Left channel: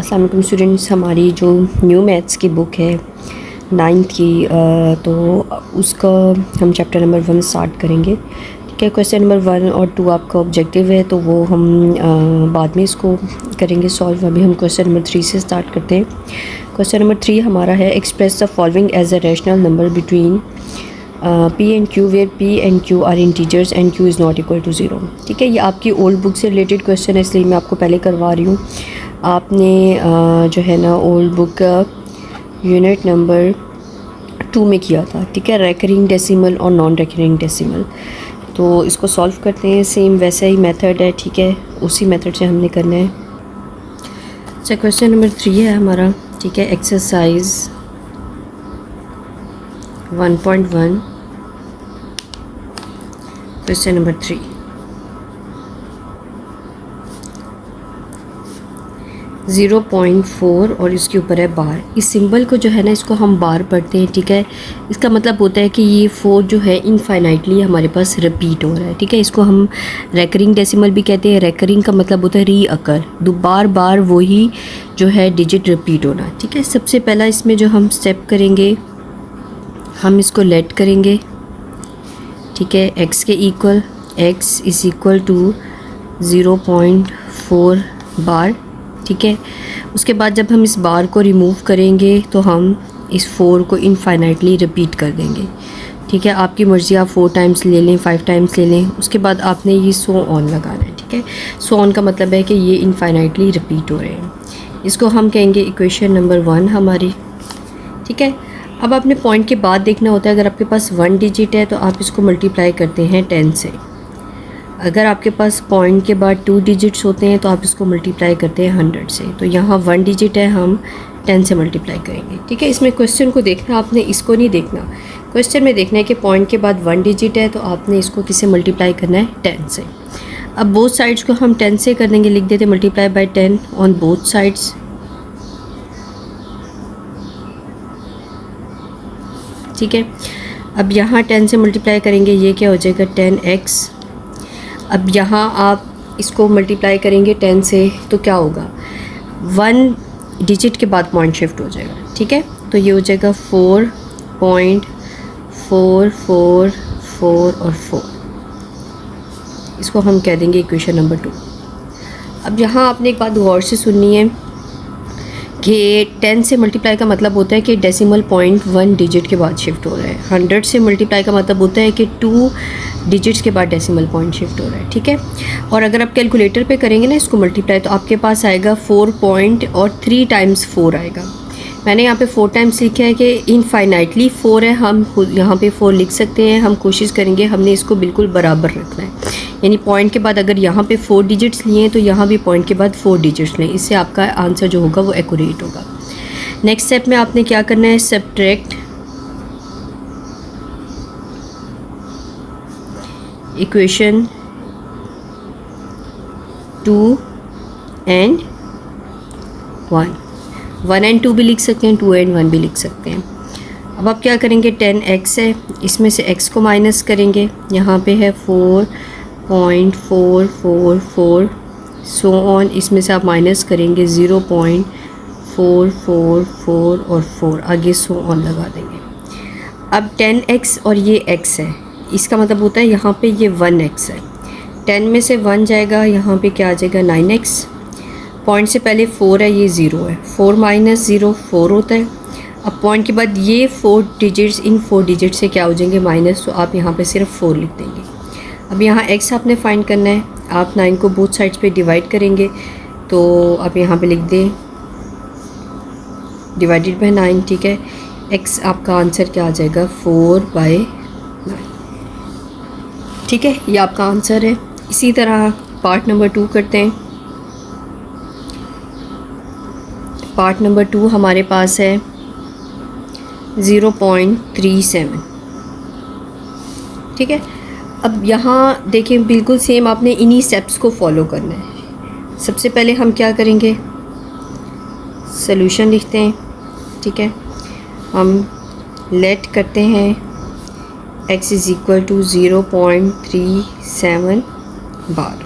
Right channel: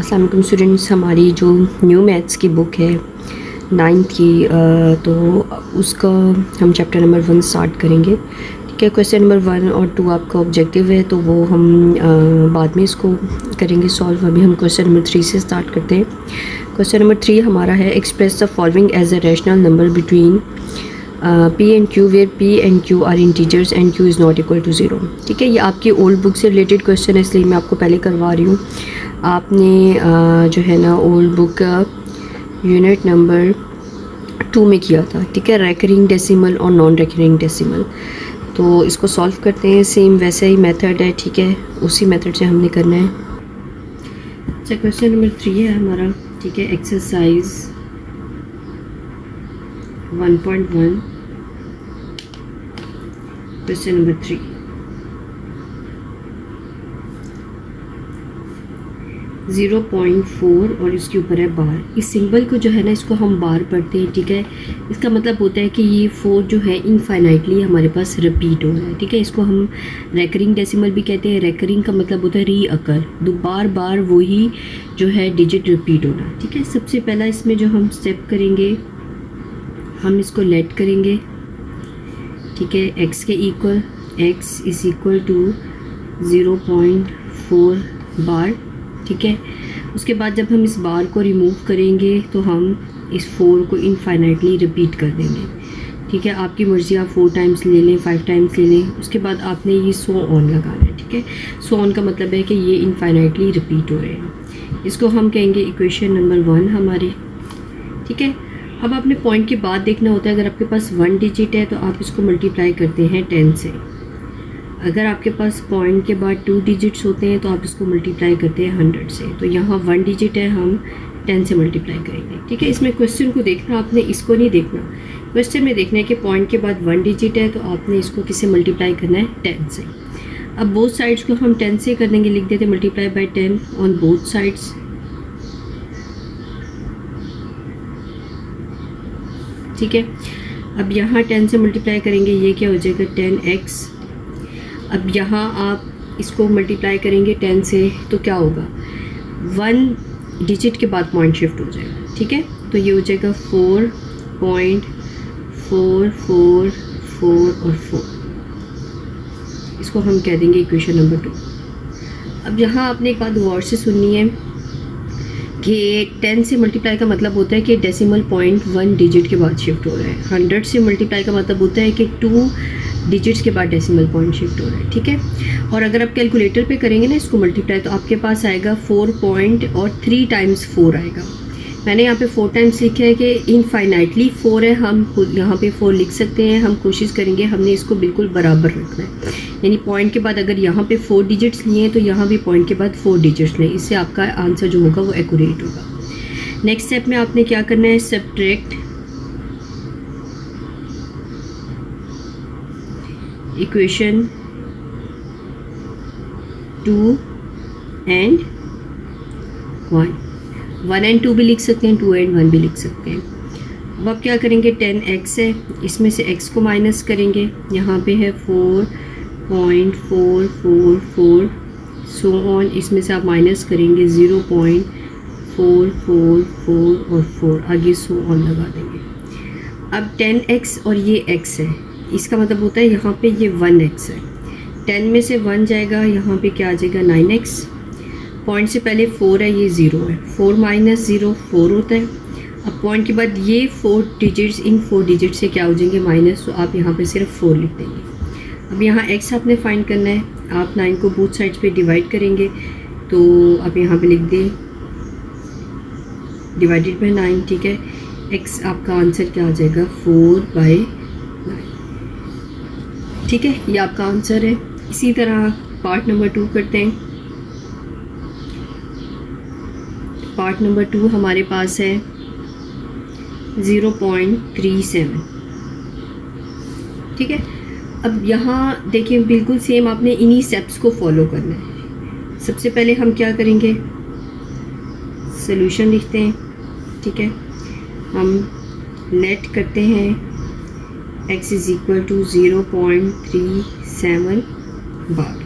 अस्सलाम वालेकुम स्टूडेंट्स, हमारी जो न्यू मैथ्स की बुक है 9th की तो उसका हम चैप्टर नंबर 1 स्टार्ट करेंगे। ठीक है, क्वेश्चन नंबर 1 और 2 आपका ऑब्जेक्टिव है तो वो हम बाद में इसको करेंगे सॉल्व। अभी हम क्वेश्चन नंबर 3 से स्टार्ट करते हैं। क्वेश्चन नंबर 3 हमारा है express the following as a rational number between P and Q where P and Q are integers and Q is not equal to 0। ठीक है, ये आपकी ओल्ड बुक से रिलेटेड क्वेश्चन है इसलिए मैं आपको पहले करवा रही हूँ। आपने जो है ना ओल्ड बुक यूनिट नंबर 2 में किया था। ठीक है, रेकरिंग डेसिमल और नॉन रेकरिंग डेसिमल। तो इसको सॉल्व करते हैं, सेम वैसा ही मेथड है। ठीक है, उसी मेथड से हमने करना है। अच्छा, क्वेश्चन नंबर 3 है हमारा। ठीक है, एक्सरसाइज 1.1 क्वेश्चन नंबर 3। ज़ीरो 0.4 और इसके ऊपर है बार। इस सिंबल को जो है ना इसको हम बार पढ़ते हैं। ठीक है, इसका मतलब होता है कि ये 4 जो है इनफाइनाइटली हमारे पास रिपीट हो रहा है। ठीक है, इसको हम रेकरिंग डेसिमल भी कहते हैं। रेकरिंग का मतलब होता है री अकर, बार बार वही जो है डिजिट रिपीट होना। ठीक है, सबसे पहला इसमें जो हम स्टेप करेंगे, हम इसको लेट करेंगे। ठीक है, x के equal x is equal to 0.4 बार। ठीक है, उसके बाद जब हम इस बार को रिमूव करेंगे तो हम इस 4 को इनफाइनाइटली रिपीट कर देंगे। ठीक है, आपकी मर्ज़ी, आप 4 टाइम्स ले लें, 5 टाइम्स ले लें। उसके बाद आपने ये सो ऑन लगाना है। ठीक है, सो ऑन का मतलब है कि ये इनफाइनाइटली रिपीट हो रहे हैं। इसको हम कहेंगे इक्वेशन नंबर 1 हमारी। ठीक है, अब आपने पॉइंट के बाद देखना होता है। अगर आपके पास 1 डिजिट है तो आप इसको मल्टीप्लाई करते हैं 10 से। अगर आपके पास पॉइंट के बाद 2 डिजिट्स होते हैं तो आप इसको मल्टीप्लाई करते हैं 100 से। तो यहाँ 1 डिजिट है, हम 10 से मल्टीप्लाई करेंगे। ठीक है, इसमें क्वेश्चन को देखना, आपने इसको नहीं देखना। क्वेश्चन में देखना है कि पॉइंट के बाद 1 डिजिट है तो आपने इसको किससे मल्टीप्लाई करना है, 10 से। अब बोथ साइड्स को हम 10 से कर देंगे, लिख देते multiply by 10 on both sides. ठीक है, अब यहाँ 10 से मल्टीप्लाई करेंगे, ये क्या हो जाएगा 10x। अब यहाँ आप इसको मल्टीप्लाई करेंगे 10 से तो क्या होगा, 1 डिजिट के बाद पॉइंट शिफ्ट हो जाएगा। ठीक है, तो ये हो जाएगा 4.444 और 4। इसको हम कह देंगे इक्वेशन नंबर 2। अब यहाँ आपने एक बात गौर से सुननी है कि 10 से मल्टीप्लाई का मतलब होता है कि डेसिमल पॉइंट 1 डिजिट के बाद शिफ्ट हो रहा है। 100 से मल्टीप्लाई का मतलब होता है कि 2 डिजिट्स के बाद डेसिमल पॉइंट शिफ्ट हो रहा है। ठीक है, और अगर आप कैलकुलेटर पे करेंगे ना इसको मल्टीप्लाई तो आपके पास आएगा 4 पॉइंट और 3 टाइम्स 4 आएगा। मैंने यहाँ पे 4 टाइम्स लिखा है कि इनफाइनाइटली 4 है, हम यहाँ पे 4 लिख सकते हैं। हम कोशिश करेंगे हमने इसको बिल्कुल बराबर रखना है, यानी पॉइंट के बाद अगर यहाँ पे 4 डिजिट्स लिए हैं तो यहाँ भी पॉइंट के बाद 4 डिजिट्स लें। इससे आपका आंसर जो होगा वो एक्यूरेट होगा। नेक्स्ट स्टेप में आपने क्या करना है, सब्ट्रैक्ट इक्वेशन 2 एंड 1। 1 एंड 2 भी लिख सकते हैं, 2 एंड 1 भी लिख सकते हैं। अब आप क्या करेंगे, 10x है, इसमें से x को माइनस करेंगे। यहाँ पे है 4.444 सो ऑन, इसमें से आप माइनस करेंगे 0.444 और 4, आगे सो ऑन लगा देंगे। अब 10x और ये x है, इसका मतलब होता है यहाँ पे ये 1x है। 10 में से 1 जाएगा, यहाँ पे क्या आ जाएगा 9x। पॉइंट से पहले 4 है, ये 0 है। 4 माइनस 0 4 होता है। अब पॉइंट के बाद ये 4 डिजिट्स, इन 4 डिजिट से क्या हो जाएंगे माइनस, तो आप यहाँ पे सिर्फ 4 लिख देंगे। अब यहाँ x आपने फाइंड करना है। आप 9 को बोथ साइड्स पे डिवाइड करेंगे तो आप यहाँ पे लिख दें डिवाइडेड बाय 9। ठीक है, x आपका आंसर क्या आ जाएगा 4/9। ठीक है, ये आपका आंसर है। इसी तरह पार्ट नंबर 2 करते हैं। पार्ट नंबर 2 हमारे पास है 0.37। ठीक है, अब यहाँ देखिए बिल्कुल सेम आपने इन्हीं स्टेप्स को फॉलो करना है। सबसे पहले हम क्या करेंगे, सॉल्यूशन लिखते हैं। ठीक है, हम लेट करते हैं x इज़ इक्वल टू 0.37 बार।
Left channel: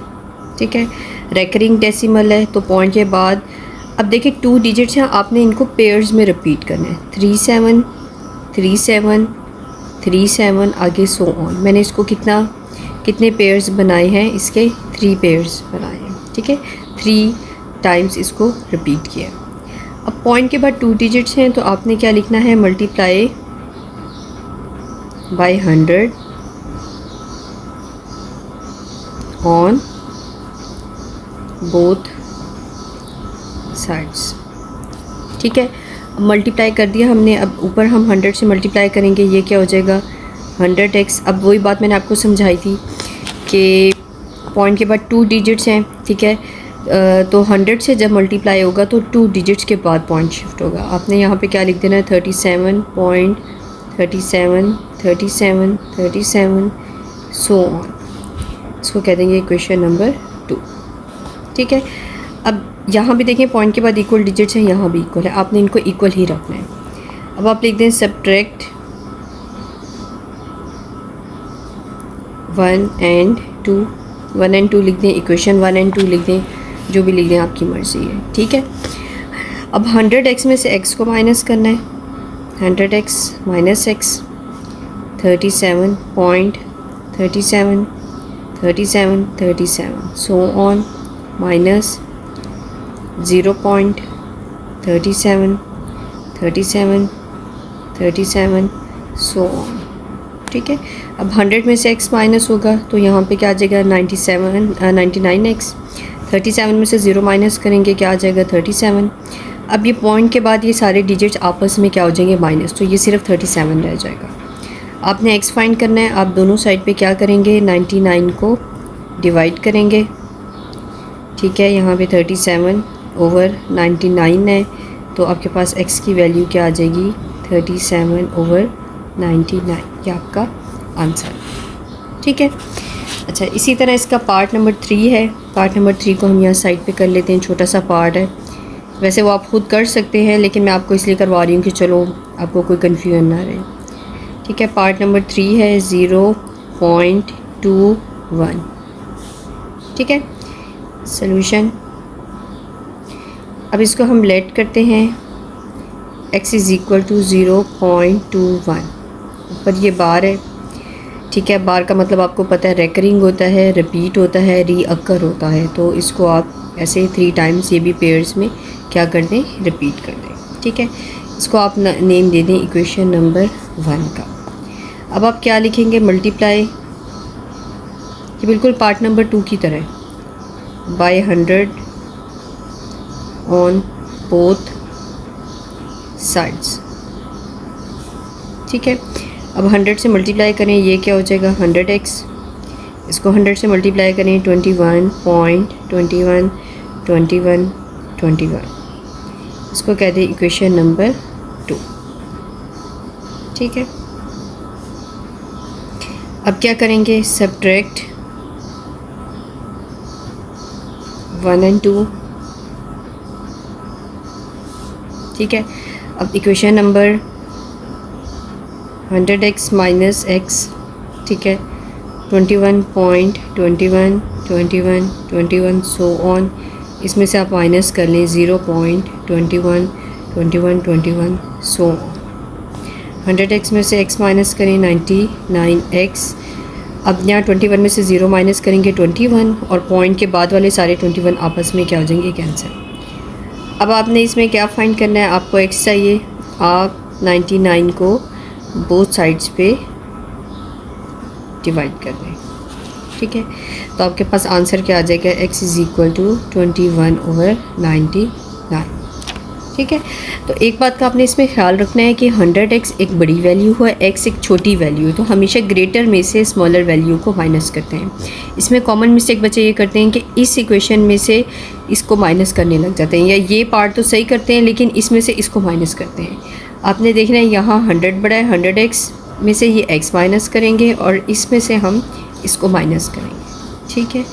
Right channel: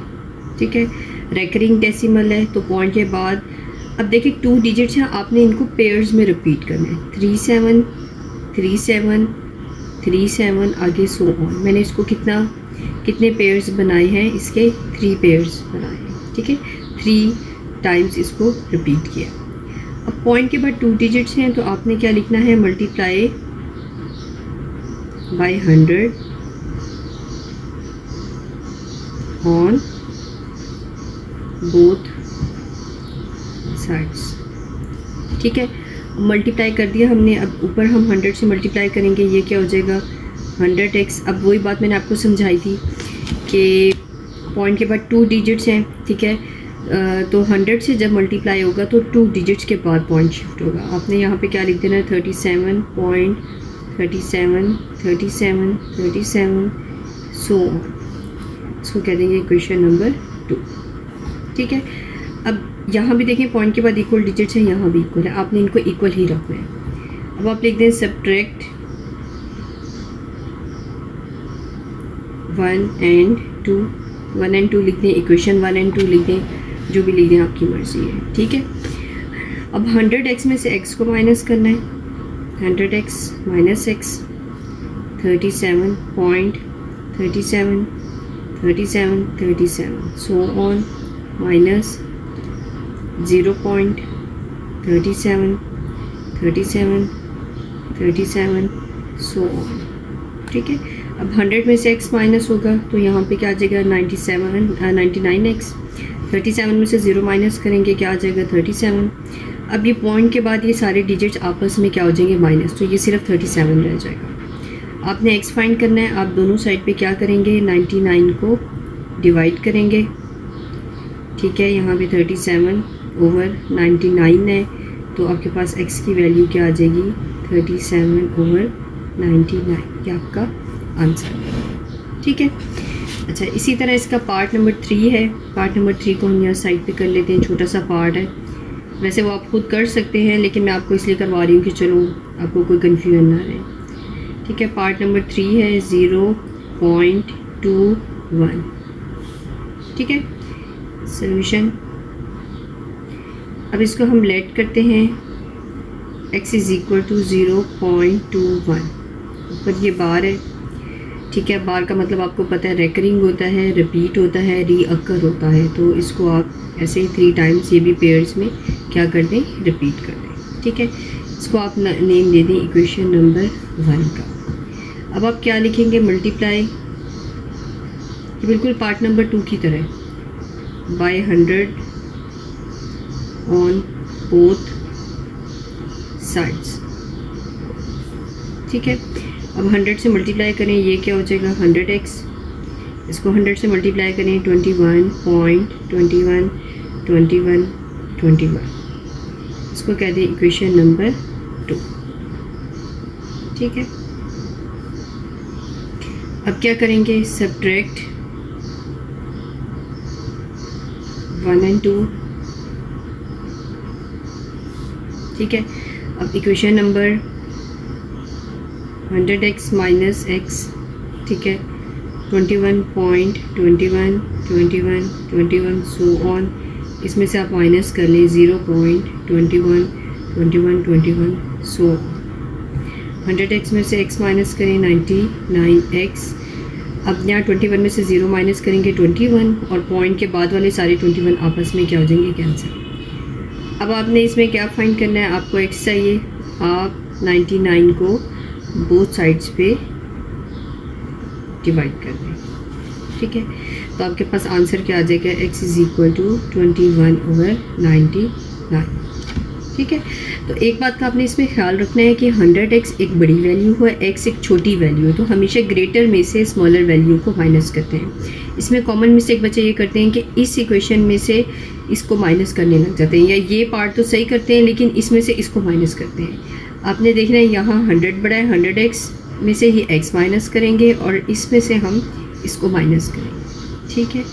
ठीक है, रेकरिंग डेसिमल है तो पॉइंट के बाद अब देखिए 2 डिजिट्स हैं, आपने इनको पेयर्स में रिपीट करना है, 3 7 3 7 3 7 आगे सो ऑन। मैंने इसको कितने पेयर्स बनाए हैं, इसके 3 पेयर्स बनाए हैं, ठीक है। 3 टाइम्स इसको रिपीट किया। अब पॉइंट के बाद 2 डिजिट्स हैं, तो आपने क्या लिखना है, multiply by 100 on both sides, ठीक है। मल्टीप्लाई कर दिया हमने, अब ऊपर हम 100 से मल्टीप्लाई करेंगे, ये क्या हो जाएगा 100x। अब वही बात मैंने आपको समझाई थी कि पॉइंट के बाद 2 डिजिट्स हैं, ठीक है। तो 100 से जब मल्टीप्लाई होगा तो 2 डिजिट्स के बाद पॉइंट शिफ्ट होगा। आपने यहाँ पे क्या लिख देना है, 37.37 सो ऑन। इसको कह देंगे इक्वेशन नंबर 2, ठीक है। अब यहाँ भी देखें पॉइंट के बाद इक्वल डिजिट्स हैं, यहाँ भी इक्वल है, आपने इनको इक्वल ही रखना है। अब आप लिख दें सब्ट्रैक्ट 1 and 2 लिख दें, इक्वेशन 1 and 2 लिख दें, जो भी लिख दें आपकी मर्ज़ी है, ठीक है। अब 100x में से x को माइनस करना है, 100x minus x 37.37 so on minus 0.37 so on, ठीक है। अब 100 में से x माइनस होगा तो यहाँ पे क्या आ जाएगा 99x। 37 में से 0 माइनस करेंगे, क्या आ जाएगा 37। अब ये पॉइंट के बाद ये सारे डिजिट्स आपस में क्या हो जाएंगे माइनस, तो ये सिर्फ 37 रह जाएगा। आपने x फाइंड करना है, आप दोनों साइड पे क्या करेंगे 99 को डिवाइड करेंगे, ठीक है। यहाँ पे 37/99 है, तो आपके पास x की वैल्यू क्या आ जाएगी 37/99, ये आपका आंसर, ठीक है। अच्छा, इसी तरह इसका पार्ट नंबर 3 है। पार्ट नंबर 3 को हम यहाँ साइड पे कर लेते हैं, छोटा सा पार्ट है, वैसे वो आप खुद कर सकते हैं, लेकिन मैं आपको इसलिए करवा रही हूँ कि चलो आपको कोई कन्फ्यूजन ना रहे, ठीक है। पार्ट नंबर 3 है 0.21, ठीक है। सॉल्यूशन, अब इसको हम लेट करते हैं, x इज़ इक्वल टू 0.21, ऊपर ये बार है, ठीक है। बार का मतलब आपको पता है रेकरिंग होता है, रिपीट होता है, रीअकर होता है, तो इसको आप ऐसे ही 3 टाइम्स ये भी पेयर्स में क्या कर दें, रिपीट कर दें, ठीक है। इसको आप नेम दे दें इक्वेशन नंबर 1 का। अब आप क्या लिखेंगे, मल्टीप्लाई, ये बिल्कुल पार्ट नंबर 2 की तरह है, बाय 100 ऑन बोथ साइड्स, ठीक है। अब 100 से मल्टीप्लाई करें, ये क्या हो जाएगा 100x, इसको 100 से मल्टीप्लाई करें 21.21 इसको कह दें इक्वेशन नंबर 2, ठीक है। अब क्या करेंगे, सब्ट्रैक्ट 1 and 2, ठीक है। अब equation number 100x minus x, ठीक है, 21.21 सो ऑन, इसमें से आप माइनस कर लें 0.21 सो ऑन। 100x में से x माइनस करें 99x। अब यहाँ 21 में से 0 माइनस करेंगे 21, और पॉइंट के बाद वाले सारे 21 आपस में क्या हो जाएंगे, कैंसिल। अब आपने इसमें क्या फाइंड करना है, आपको x चाहिए, आप 99 को बोथ साइड्स पे डिवाइड कर दें, ठीक है। तो आपके पास आंसर क्या आ जाएगा, x इज़ इक्वल टू 21/99, ठीक है। तो एक बात का आपने इसमें ख्याल रखना है कि 100x एक बड़ी वैल्यू है, x एक छोटी वैल्यू है, तो हमेशा ग्रेटर में से स्मॉलर वैल्यू को माइनस करते हैं। इसमें कॉमन मिस्टेक बच्चे ये करते हैं कि इस इक्वेशन में से इसको माइनस करने लग जाते हैं, या ये पार्ट तो सही करते हैं लेकिन इसमें से इसको माइनस करते हैं। आपने देखना है यहाँ 100 बड़ा है, 100x में से ये x माइनस करेंगे और इसमें से हम इसको माइनस करेंगे, ठीक है।